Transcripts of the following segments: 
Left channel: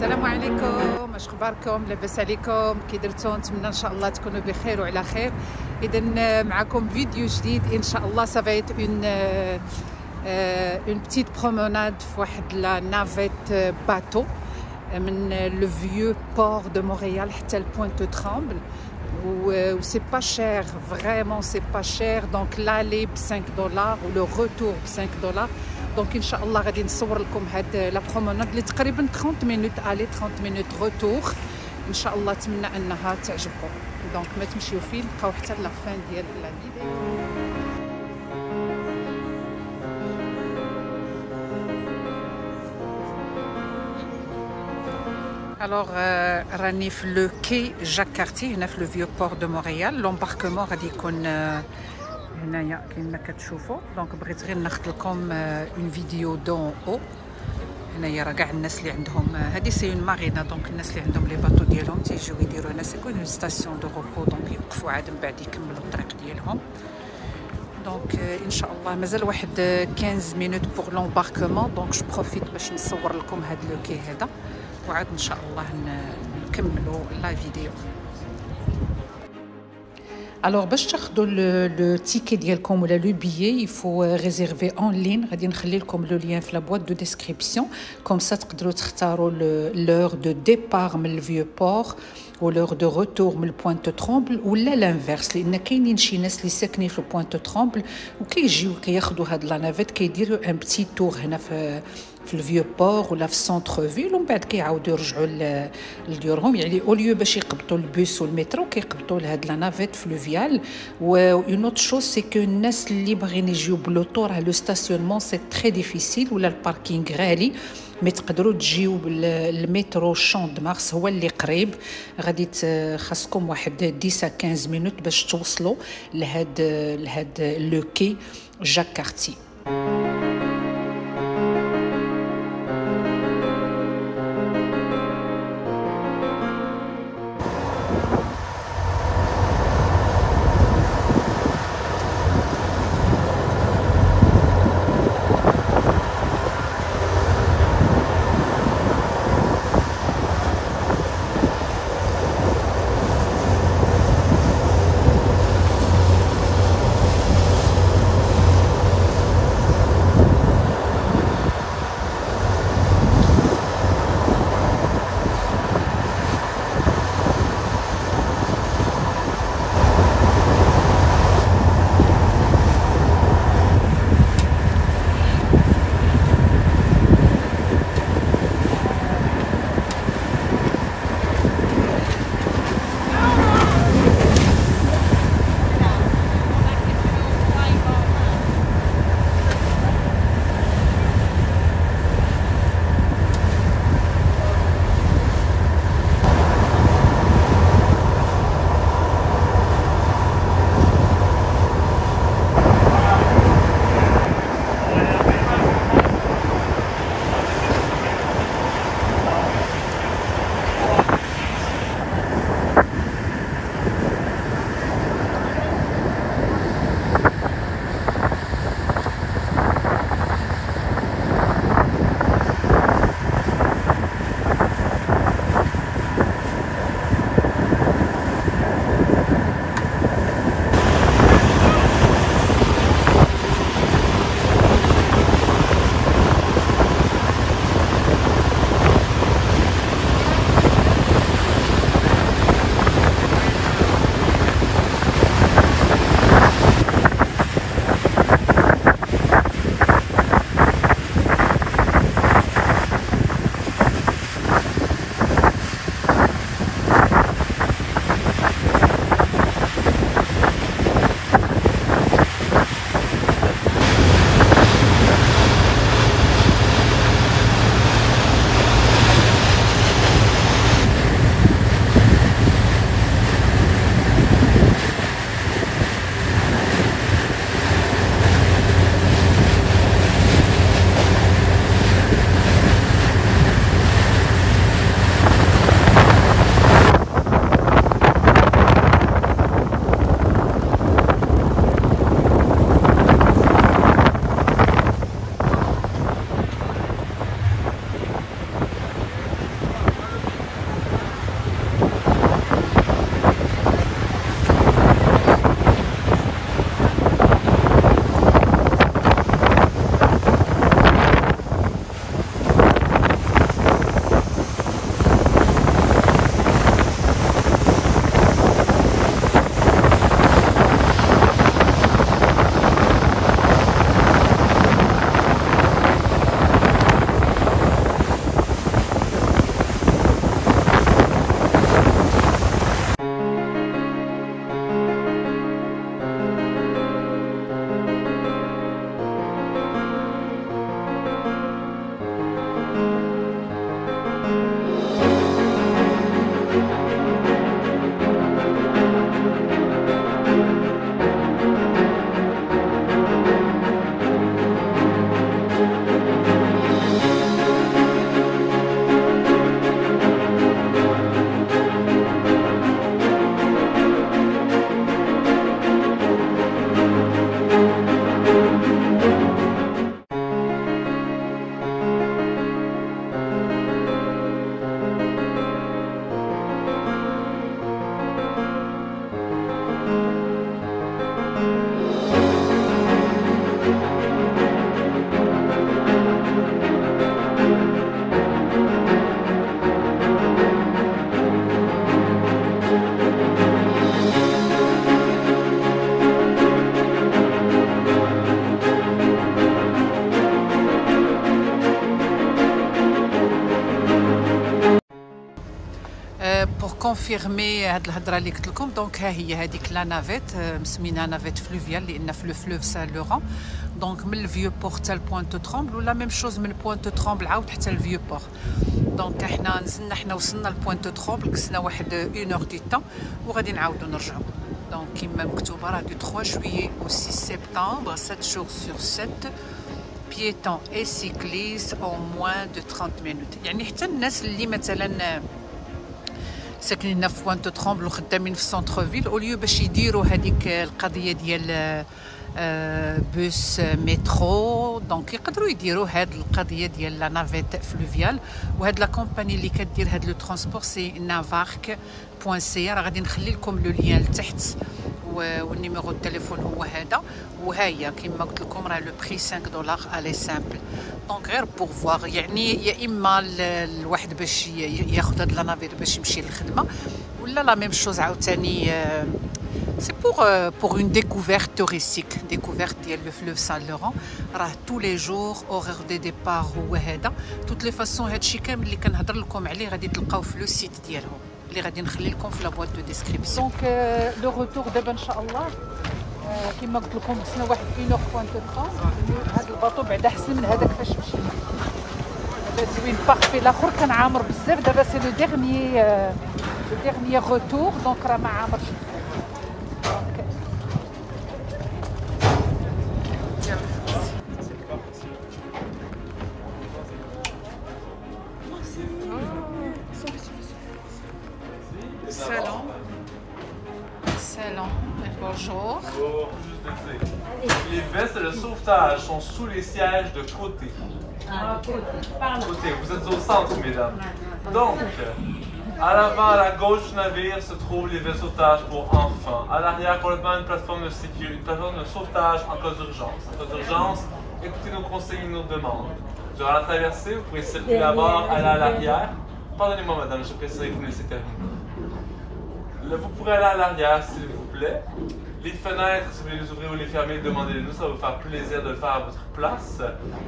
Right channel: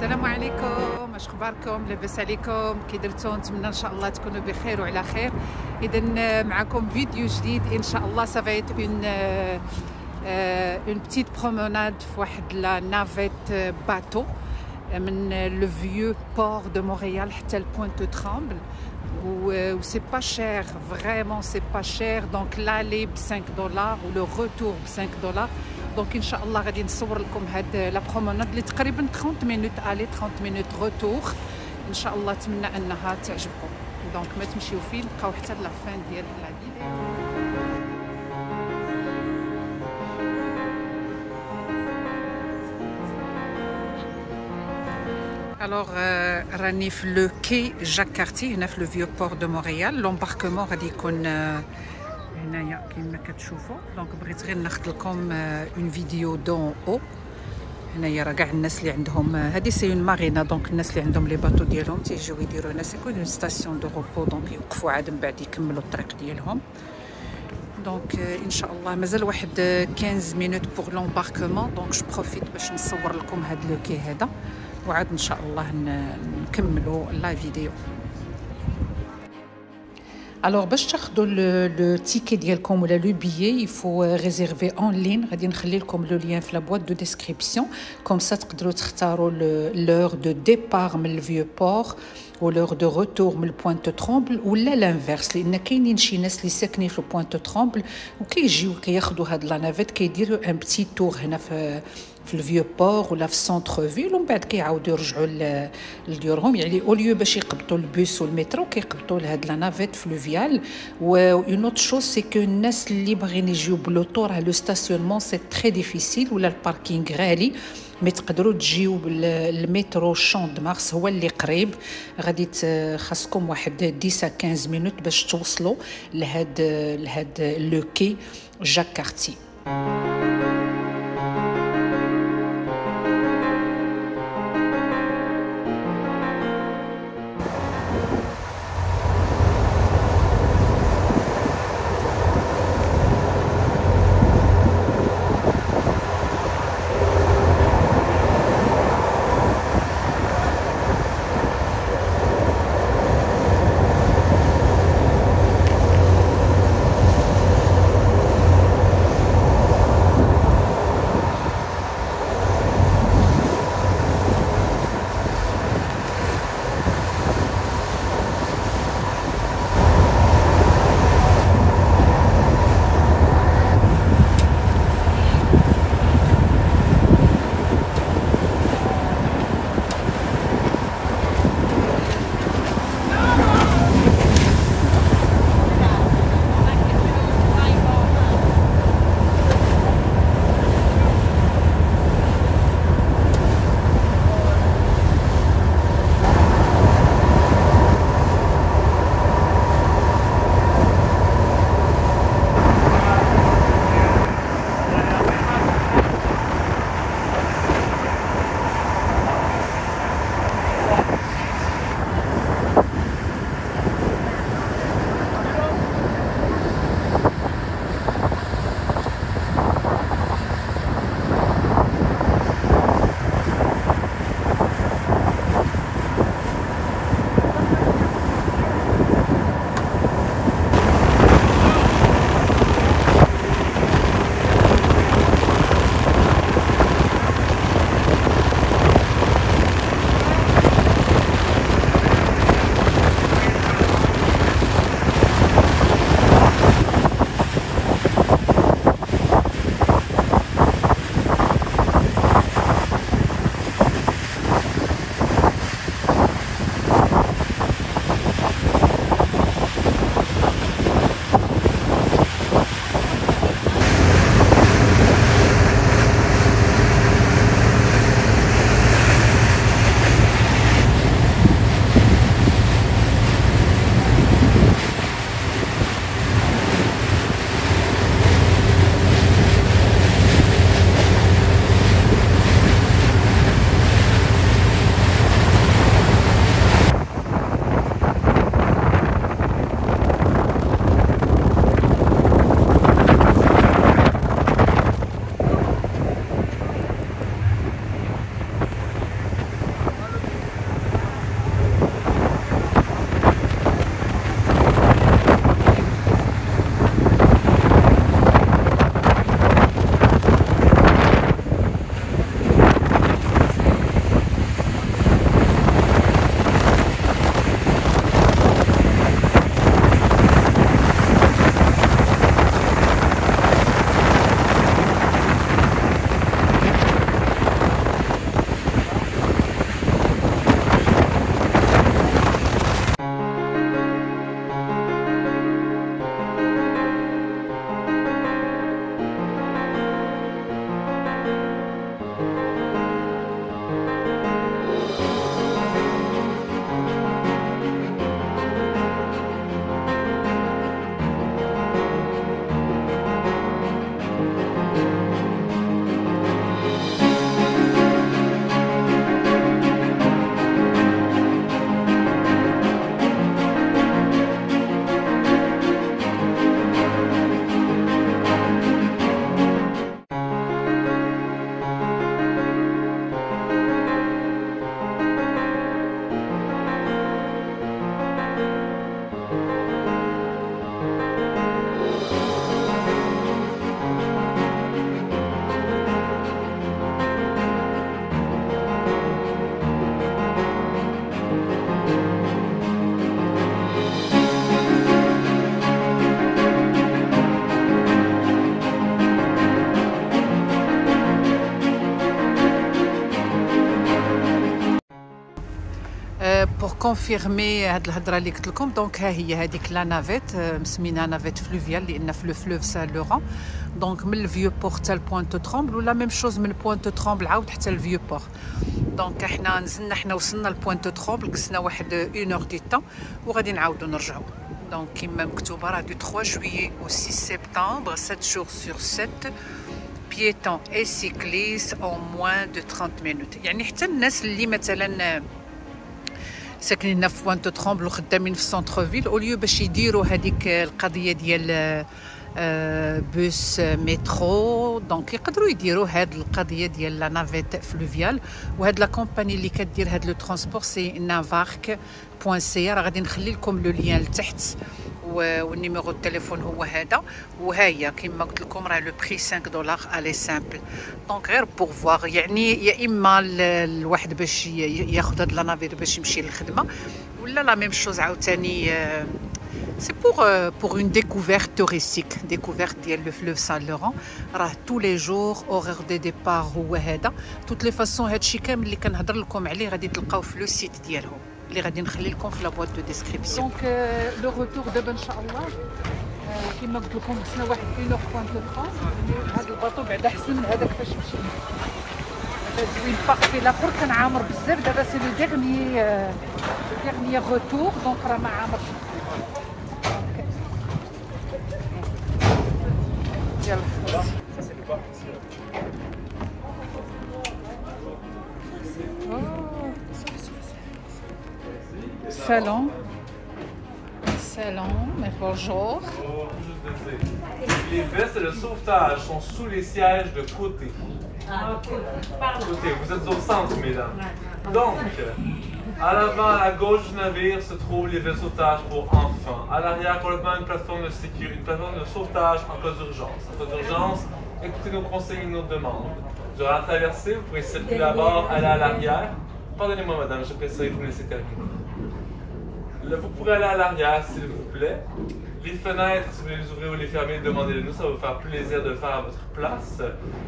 السلام عليكم، اش اخباركم؟ لاباس عليكم؟ كي درتو؟ نتمنى ان شاء الله تكونوا بخير وعلى خير. اذا معكم فيديو جديد ان شاء الله. سافايت اون بتيت بروموناد في واحد لا نافيت باتو من لو فيو بور دو مونريال حتى لبوينت ترامبل. و سي با شير، فريمون سي با شير. دونك لالي ب 5 دولار و لو روتور ب 5 دولار. دونك ان شاء الله غادي نصور لكم هاد لا بروموناد اللي تقريبا 30 مينوت الي 30 مينوت روتور. ان شاء الله اتمنى انها تعجبكم. دونك ما تمشيو فين، بقاو حتى لا فان ديال لا فيديو. الوغ راني في لو كي جاك كارتي هنا في لو فيو بور دو مونريال. لومباركمون غادي يكون هنايا كيما كتشوفوا. دونك بغيت غير ناخذ لكم اون فيديو دون او. هنايا راه كاع الناس اللي عندهم هذه سي اون مارينا. دونك الناس اللي عندهم لي باطو ديالهم تيجيو يديروا هنا سيكون اون ستاسيون دو روبو. دونك يوقفوا عاد من بعد يكملوا الطريق ديالهم. دونك ان شاء الله مازال واحد 15 مينوت بور لومباركمون. دونك جو بروفيت باش نصور لكم هذا لو كي هذا وعاد ان شاء الله نكملوا لا فيديو. Alors باش تاخذوا لو تيكي ديالكم ولا لو بيي يفو ريزيرفي اون لين. غادي نخلي لكم لو لين في لا بواط دو ديسكريبسيون كوم سا تقدروا تختاروا لور دو ديبار من الفيو بور ولور دو روتور من البوينت ترومبل ولا لانفيرس، لان كاينين شي ناس اللي ساكنين في البوينت ترومبل وكيجيو كياخذوا هاد لا نافيت كيديروا ان بتي تور هنا في الفيو بور ولا في السونتر فيل ومن بعد كيعاودوا يرجعوا لديورهم. يعني اوليو باش يقبطوا البوس والمترو كيقبطوا لهاد لا نافيت فلوفيال. و اون اوت شوز سي كو الناس اللي باغيين يجيو بلوطو راه لو ستاسيونمون سي تري ديفيسيل ولا الباركينغ غالي. مي تقدروا تجيو بالمترو شون دو مارس هو اللي قريب. غادي خاصكم واحد 10 à 15 مينوت باش توصلوا لهاد لو كي جاك كارتي. pour confirmer هاد الهضره اللي قلت لكم دونك ها هي هذيك لا نافيت مسمينها نافيت فلوفيال لان في لو فلوف سان لوران دونك من الفيو بور حتى لبوينت ترومبل ولا ميم شوز من بوينت ترومبل عاود حتى الفيو بور دونك حنا نزلنا حنا وصلنا لبوينت ترومبل قسنا واحد 1 اور دو طون وغادي نعاودو نرجعو دونك كيما مكتوبه راه دو 3 جويي au 6 سبتمبر 7 jours sur 7 piétons et cyclistes en moins de 30 minutes يعني حتى الناس اللي مثلا ساكنين في بوينت ترومبل وخدامين في سونتر فيل اوليو باش يديروا هذيك القضيه ديال بوس مترو دونك يقدروا يديروا هاد القضيه ديال لا نافيت فلوفيال وهاد لا كومباني اللي كدير هاد لو ترونسبور سي نافارك بوان سي راه غادي نخلي لكم لو لين لتحت والنيميرو التليفون هو هذا وها هي كما قلت لكم راه لو بري 5 دولار الي سامبل دونك غير بور فوار يعني يا اما الواحد باش ياخذ هاد لا نافير باش يمشي للخدمه ولا لا ميم شوز عاوتاني سي بور اون ديكوفيرت توريستيك ديكوفيرت ديال لو فلوف سان لوران راه تو لي جور اورير دي ديبار هو هذا توت لي فاسون هادشي كامل اللي كنهضر لكم عليه غادي تلقاوه في لو سيت ديالهم اللي غادي نخلي لكم في لا بواط دو ديسكريبسيون دونك لو روتور دابا ان شاء الله كما قلت لكم خصنا واحد 1 اور بوينت ترومبل هذا الباطو بعدا احسن من هذاك فاش مشينا هذا زوين بارفي الاخر كان عامر بزاف دابا سي لو ديرني روتور دونك راه ما عامرش يلا Salon, bonjour. Les vestes de sauvetage sont sous les sièges de côté. Côté, vous êtes au centre, mesdames. Donc, à l'avant, à la gauche du navire, se trouvent les vestes de sauvetage pour enfants. À l'arrière, complètement une plateforme de sécurité, une plateforme de sauvetage en cas d'urgence. En cas d'urgence, écoutez nos conseils et nos demandes. Durant la traversée, vous pourrez circuler à bord, aller à l'arrière. Pardonnez-moi, madame, je préférerais vous laisser terminer. Vous pourrez aller à l'arrière, s'il vous plaît. Les fenêtres, si vous voulez les ouvrir ou les fermer, demandez-les-nous. Ça va vous faire plaisir de le faire à votre place.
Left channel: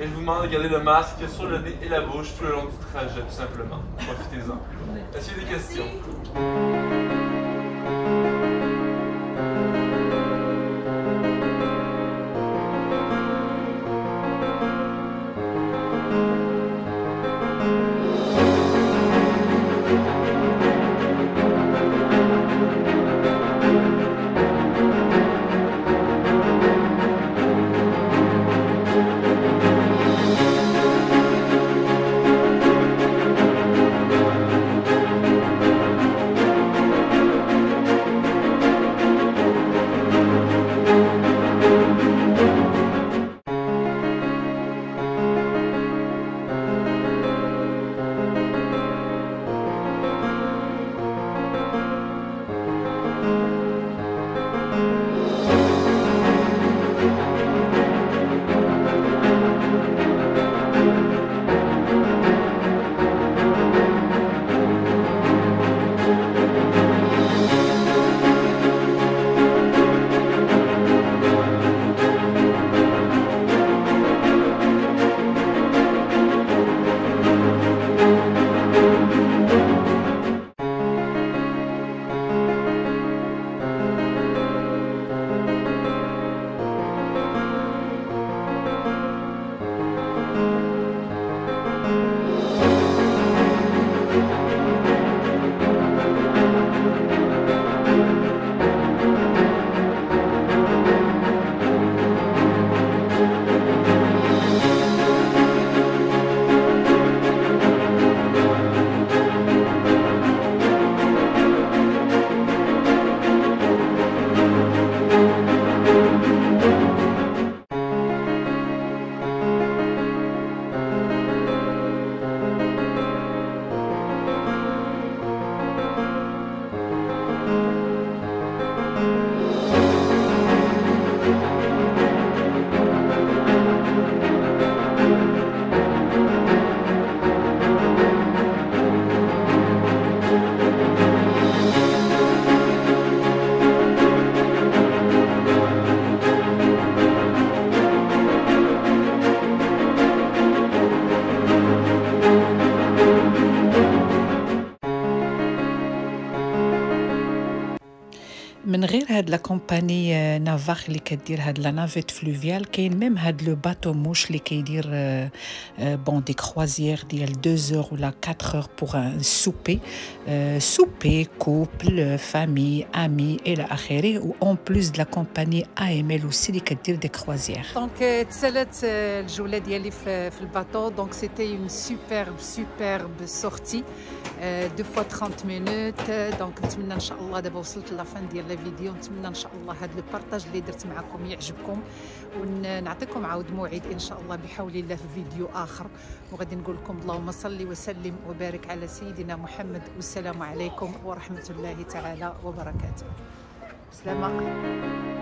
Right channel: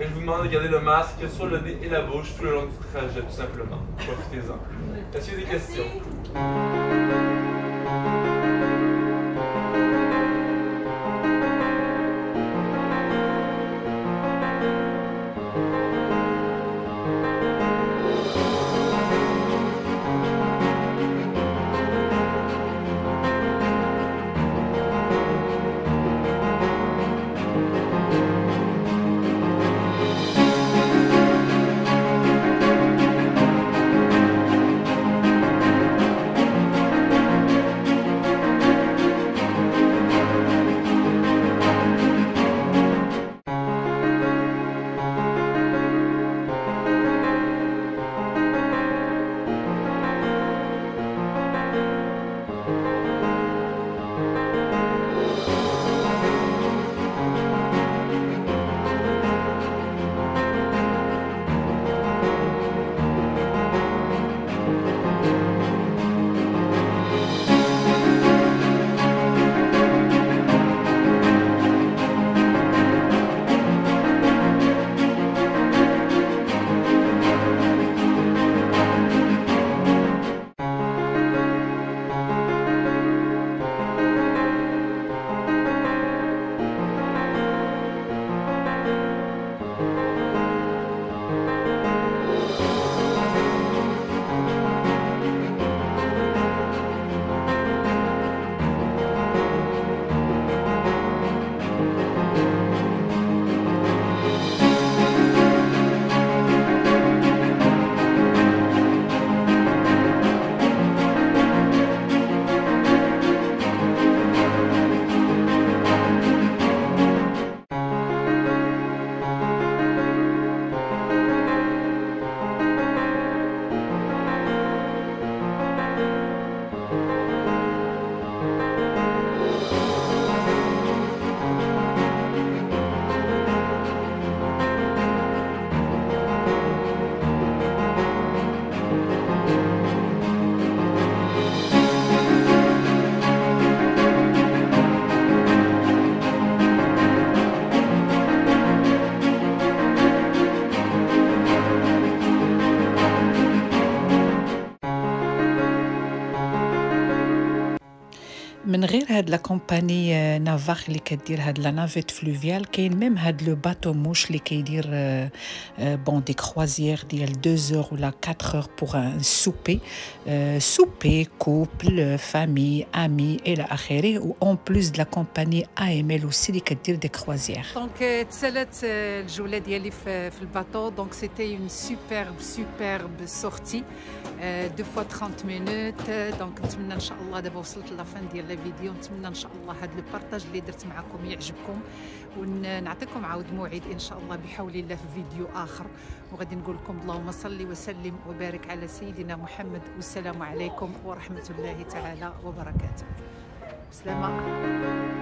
Et je vous demande de garder le masque sur le nez et la bouche tout le long du trajet, tout simplement. Profitez-en. Est-ce qu'il y a des questions? من غير هاد لا كومباني نافاخ اللي كدير هاد لا نافيت فلوفيال، كاين ميم هاد لو باتو موش اللي كيدير بون دي كروازيير ديال 2 اور ولا 4 اور بوغ ان سوبي، سوبي كوبل فامي امي الى اخره، و اون بلوس د لا كومباني AML اوسي اللي كدير دي كروازيير. دونك تسالات الجوله ديالي في الباطو. دونك سيتي اون سوبرب سورتي 2 fois 30 minutes. دونك نتمنى ان شاء الله دابا وصلت لافان ديال لا فيديو، نتمنى ان شاء الله هذا لو بارطاج اللي درت معكم يعجبكم، ونعطيكم عاود موعد ان شاء الله بحول الله في فيديو اخر، وغادي نقول لكم اللهم صل وسلم وبارك على سيدنا محمد، والسلام عليكم ورحمه الله تعالى وبركاته. بسلامه.